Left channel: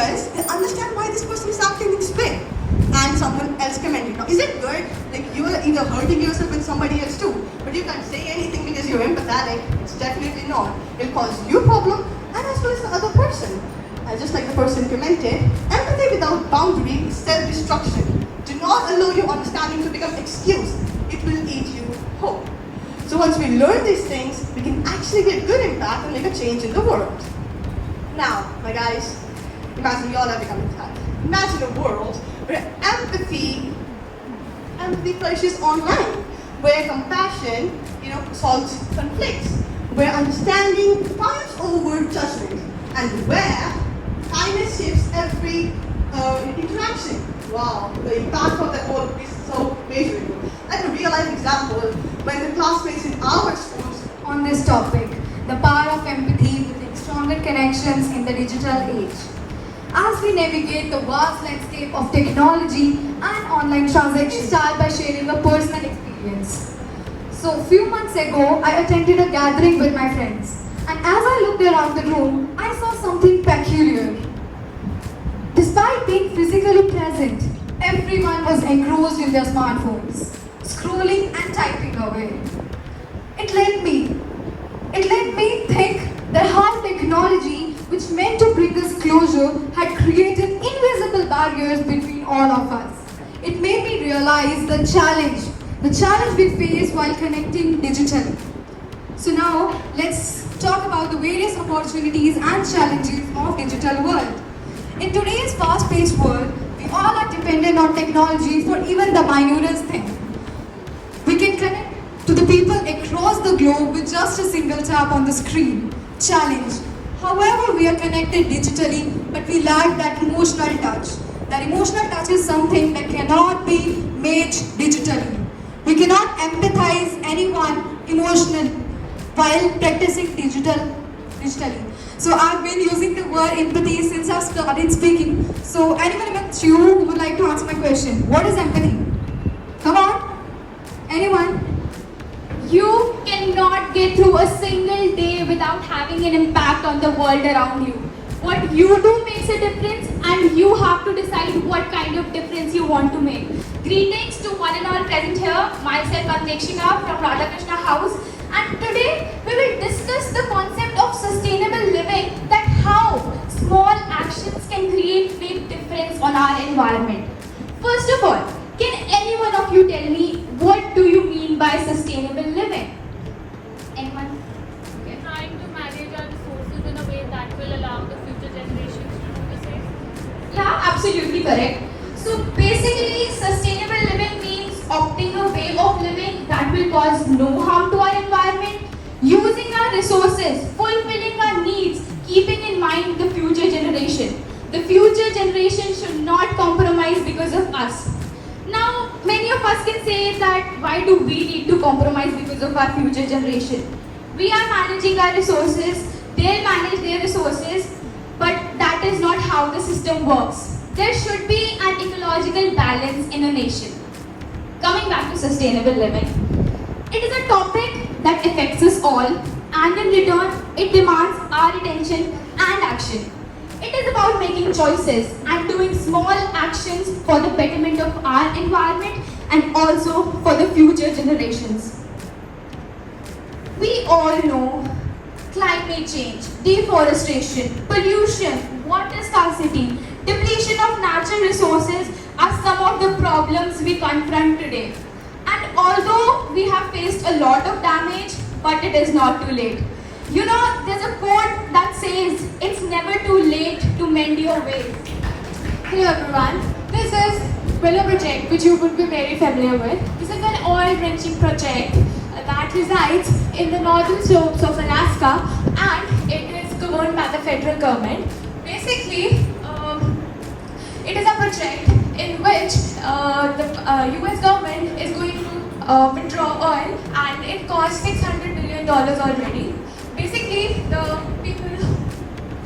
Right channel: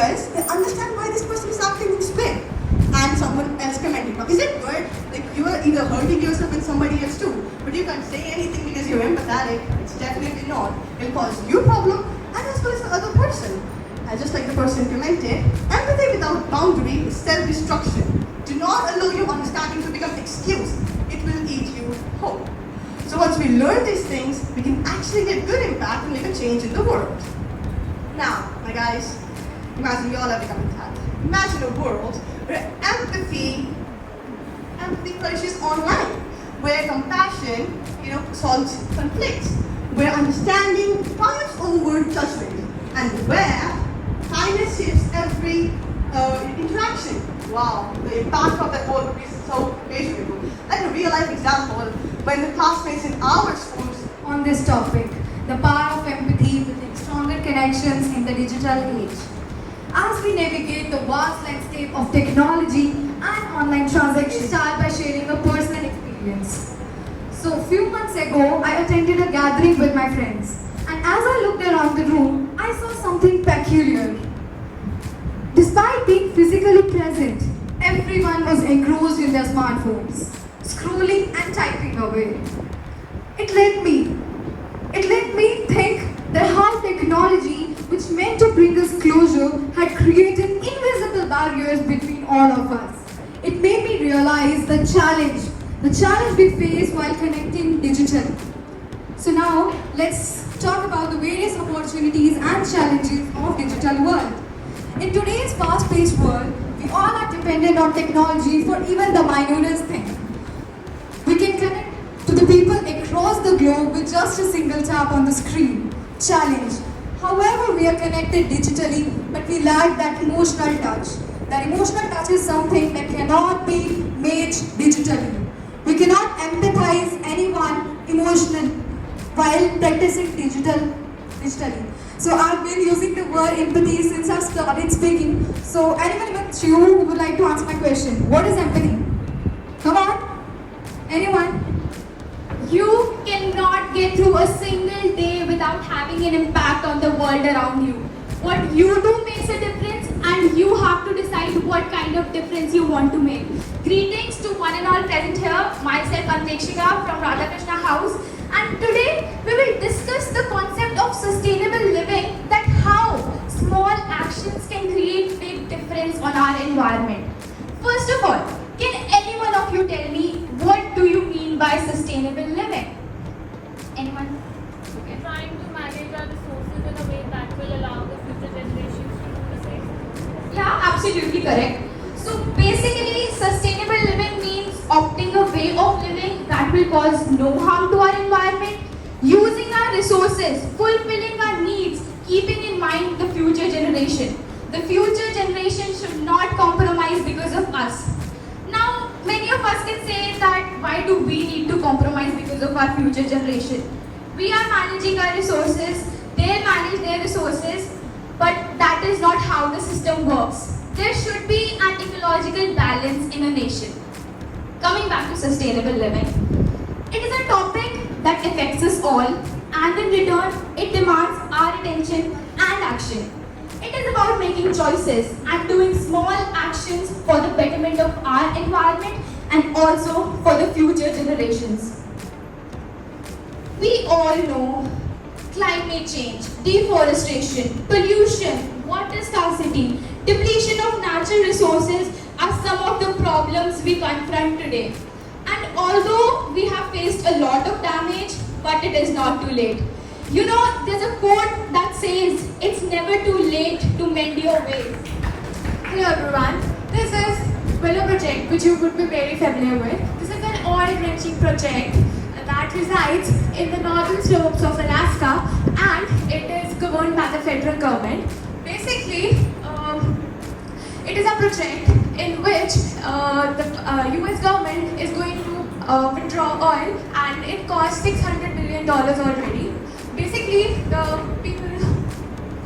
because they understand why this person is acting this way. And someone else commented, now is it good? Like you are either hurting yourself and somebody else too, but you can't say anything because you're empathetic. It's definitely not. It'll cause you problem and as well as the other person. Just like the person commented, empathy without boundary is self-destruction. Do not allow your understanding to become excuse. It will eat you whole. So once we learn these things, we can actually get good impact and make a change in the world. Now, my guys, imagine we all have become empathetic. Imagine a world where empathy flourishes online, where compassion, solves conflicts, where understanding triumphs over judgment, and where kindness shapes every interaction. Wow, the impact of that work is so measurable. Like a real life example, when the classmates in our schools on this topic, the power of empathy building stronger connections in the digital age. As we navigate the vast landscape of technology and online transactions, start by sharing a personal experience. So, a few months ago, I attended a gathering with my friends, and as I looked around the room, I saw something peculiar. Despite being physically present, everyone was engrossed in their smartphones, scrolling and typing away. It led me think that how technology, which meant to bring us closer, had created invisible barriers between all of us. It made me realize the challenge we face while connecting digitally. So now, let's talk about the various opportunities and challenges of digital world. In today's fast-paced world, we all are dependent on technology for even the minutest thing. We can connect to the people across the globe with just a single tap on the screen. Challenge. However, we are connected digitally, but we lack that emotional touch. That emotional touch is something that cannot be made digitally. We cannot empathize anyone emotionally while practicing digitally. So I've been using the word empathy since I've started speaking. So anyone amongst you who would like to answer my question, what is empathy? Come on. Anyone? You cannot get through a single day without having an impact on the world around you. What you do makes a difference, and you have to decide what kind of difference you want to make. Greetings to one and all present here. Myself, Antekshika from Radhakrishna House. And today we will discuss the concept of sustainable living, that how small actions can create big difference on our environment. First of all, can any one of you tell me what do you mean by sustainable living? Anyone? Okay. Trying to manage our resources in a way that will allow the future generations to do the same. Yeah, absolutely correct. So basically, sustainable living means opting a way of living that will cause no harm to our environment, using our resources, fulfilling our needs, keeping in mind the future generation. The future generation should not compromise because of us. Now, many of us can say that why do we need to compromise because of our future generation? We are managing our resources, they manage their resources, but that is not how the system works. There should be an ecological balance in a nation. Coming back to sustainable living, it is a topic that affects us all, and in return, it demands our attention and action. It is about making choices and doing small actions for the betterment of our environment and also for the future generations. We all know climate change, deforestation, pollution, water scarcity, depletion of natural resources are some of the problems we confront today. And although we have faced a lot of damage, but it is not too late. You know, there's a quote that says, it's never too late to mend your ways. Hello everyone, this is Willow Project, which you would be very familiar with. This is an oil-drenching project that resides in the northern slopes of Alaska, and it is governed by the federal government. Basically, it is a project in which the US government is going to withdraw oil, and it costs $600 million already. Basically, the people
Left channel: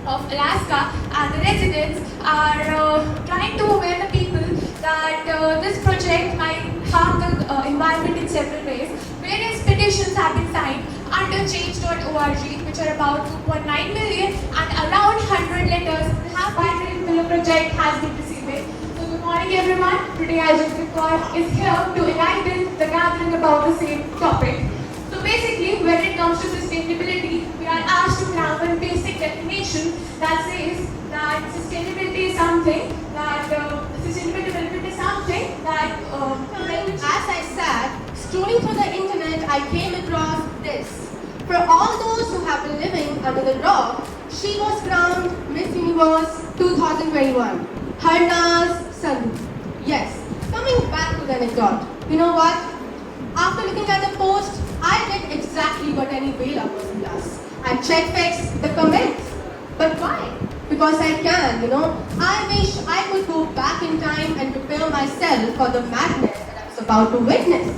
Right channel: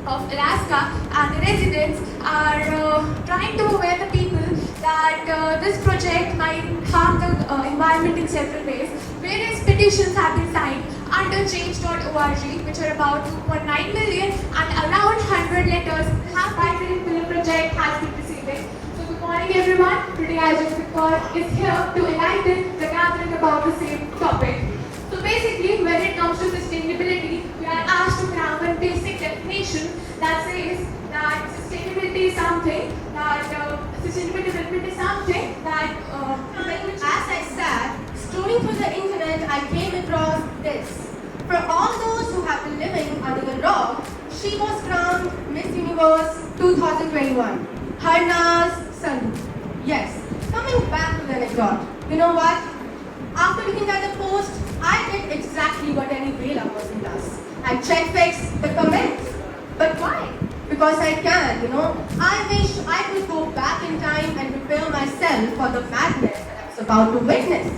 of Alaska and the residents are trying to aware the people that this project might harm the environment in several ways. Various petitions have been signed under change.org, which are about 2.9 million, and around 100 letters have been Hey everyone, today our Jupiter is here to enlighten the gathering about the same topic. So basically, when it comes to sustainability, we are asked to have a basic definition that says that sustainability is something that sustainable development is something that As I sat scrolling through the internet, I came across this. For all those who have been living under the rock, she was crowned Miss Universe 2021. Harna's Sandhu. Yes, coming back to the anecdote. You know what? After looking at the post, I did exactly what any Vela person does. I check-fix the comments. But why? Because I can, I wish I could go back in time and prepare myself for the madness that I was about to witness.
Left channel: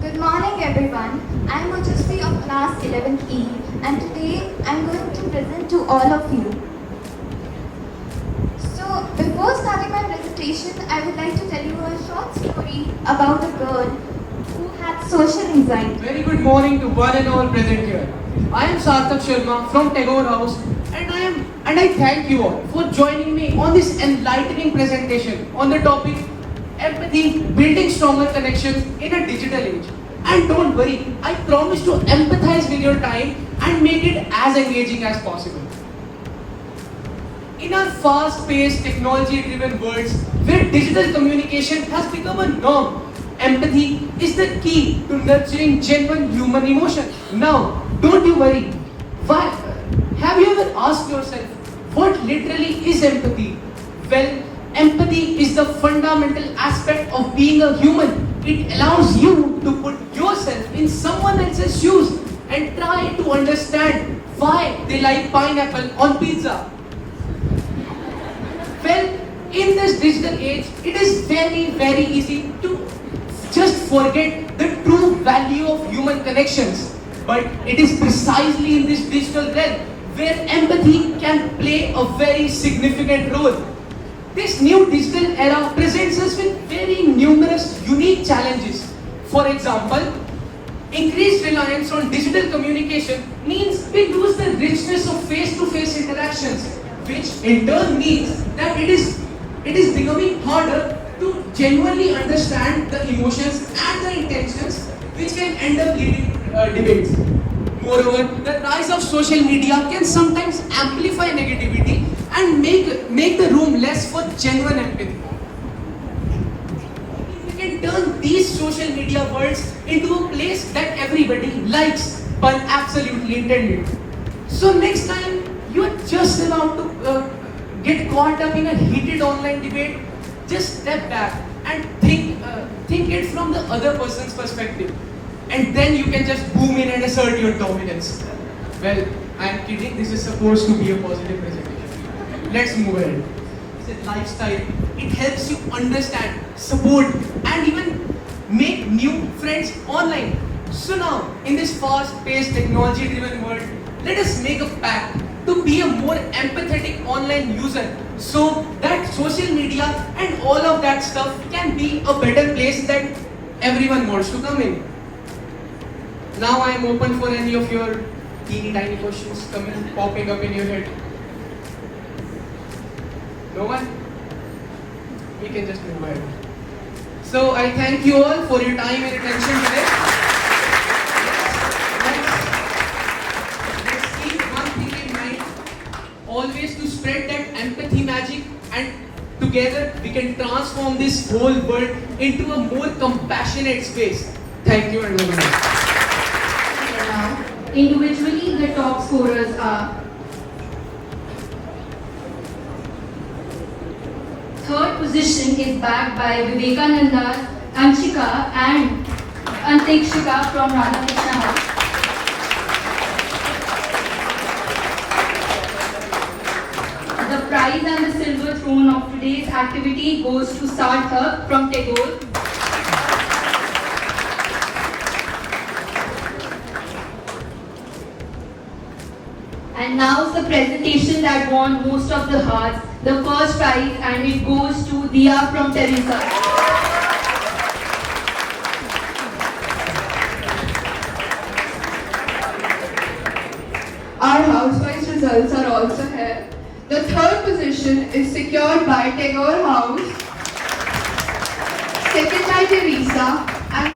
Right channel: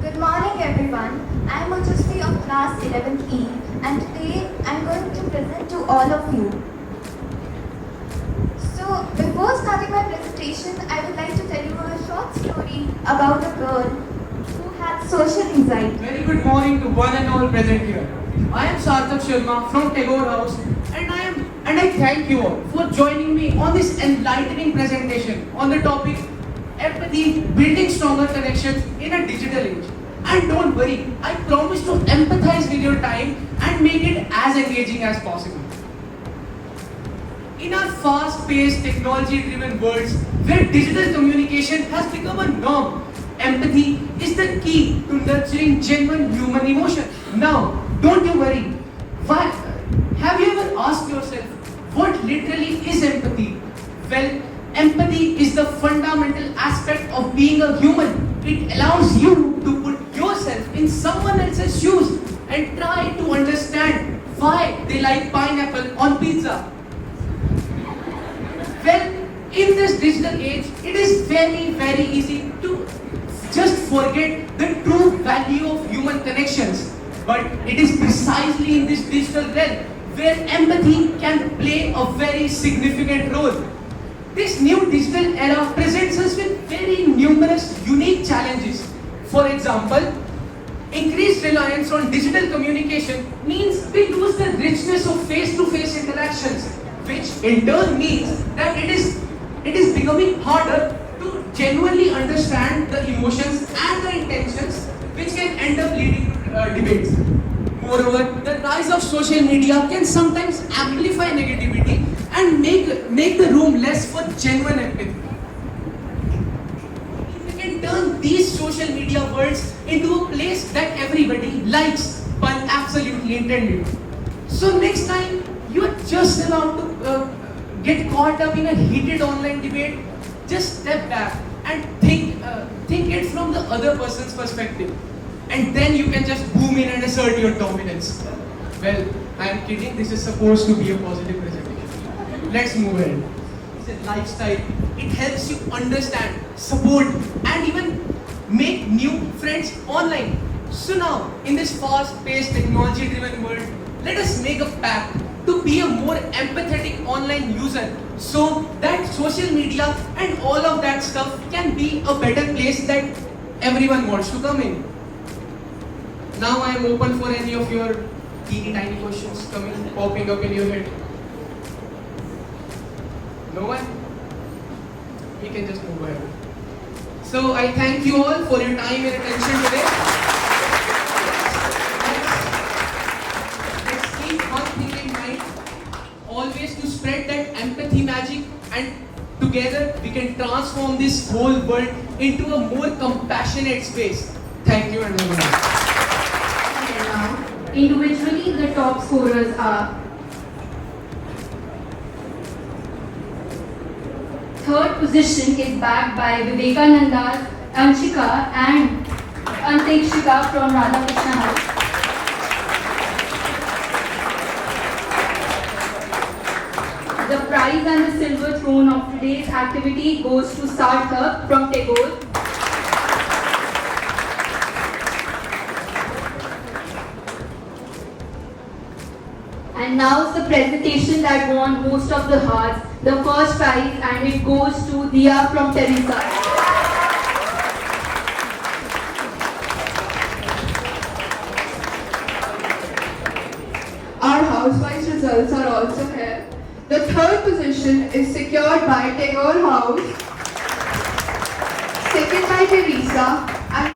Good morning everyone. I am Manjushri of class 11E and today I am going to present to all of you. So before starting my presentation, I would like to tell you a short story about a girl who had social anxiety. Very good morning to one and all present here. I am Sarthak Sharma from InterHouse and I thank you all for joining me on this enlightening presentation on the topic empathy, building stronger connections in a digital age. And don't worry, I promise to empathize with your time and make it as engaging as possible. In our fast-paced, technology-driven worlds where digital communication has become a norm, empathy is the key to nurturing genuine human emotion. Now, don't you worry. Why? Have you ever asked yourself, what literally is empathy? Well, empathy is the fundamental aspect of being a human. It allows you to put yourself in someone else's shoes and try to understand why they like pineapple on pizza. Well, in this digital age, it is very, very easy to just forget the true value of human connections. But it is precisely in this digital realm where empathy can play a very significant role. This new digital era presents us with very numerous unique challenges. For example, increased reliance on digital communication means we lose the richness of face-to-face interactions, which in turn means that it is becoming harder to genuinely understand the emotions and the intentions which can end up leading to debates. Moreover, the rise of social media can sometimes amplify negativity and make the room less for genuine empathy. We can turn these social media worlds into a place that everybody likes but absolutely intended. So next time you are just about to get caught up in a heated online debate, just step back and think it from the other person's perspective. And then you can just boom in and assert your dominance. Well, I am kidding. This is supposed to be a positive presentation. Let's move ahead. It's a lifestyle. It helps you understand, support, and even make new friends online. So now, in this fast-paced, technology-driven world, let us make a pact to be a more empathetic online user so that social media and all of that stuff can be a better place that everyone wants to come in. Now I am open for any of your teeny tiny questions popping up in your head. No one? We can just move ahead. So I thank you all for your time and attention today. Let's keep one thing in mind. Always to spread that empathy magic, and together we can transform this whole world into a more compassionate space. Thank you and bye-bye. Individually, the top scorers are third position is backed by Vivekananda, Anshika and Antekshika from Radhakrishna House. The prize and the silver throne of today's activity goes to Sarthak from Tagore. And now the presentation that won most of the hearts, the first prize, and it goes to Dia from Teresa. Our house-wise results are also here. The third position is secured by Tagore House Second by Teresa.